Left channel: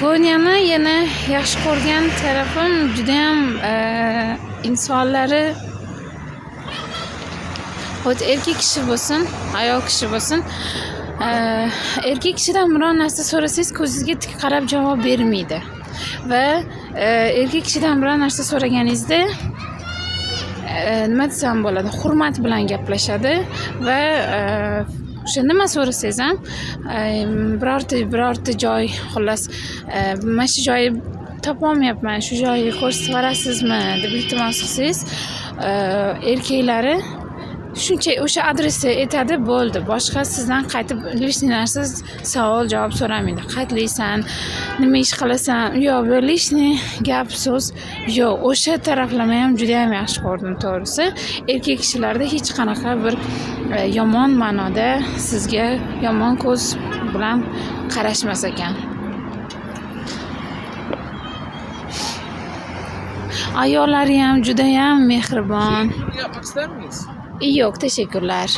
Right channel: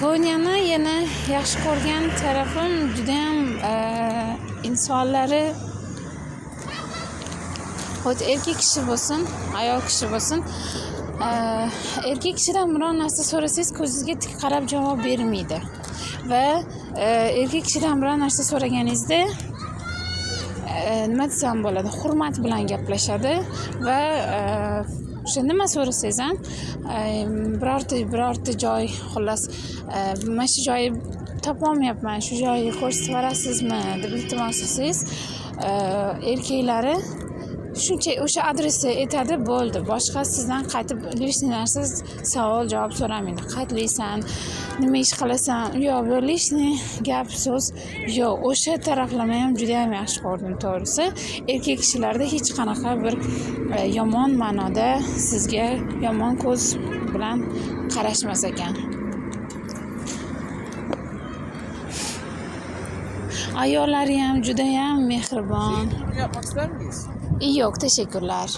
Konyani yana yaxshi ko'rgan tarafim judayam insonlari hozir erkak kishi bo'lsin, ayol kishi bo'lsin, erkak kishidan biror narsa so'rasangiz ko'zingizga tik qarab javob bermaydi va erkak kishidan biror narsa so'raganingizda nima desam bo'ladi, hurmat bilan gaplashadi va o'sha nima so'rasangiz ham birorta joy, xullas mana shu joyni topolmayapman, shu joyni ko'rsatib berasizmi deb iltimos qilsangiz, erkaklari shuncha o'sha adresni aytadi, bo'ldi. Boshqa sizdan qaytib lishniy narsa, savol javob so'ramaydi. Qayerliksan, nima ish qilasan, yo'q, lishniy gap so'z yo'q. O'sha taraflama ham juda ham yaxshi ko'rdim, to'g'risi. Erkak kishilarda hech qanaqa bir yomon ma'noda sizga yomon ko'z bilan qarashmas ekan. Ayollari ham juda ham mehribon. Yapmak ister miyiz? Yo'q, teşekkürler.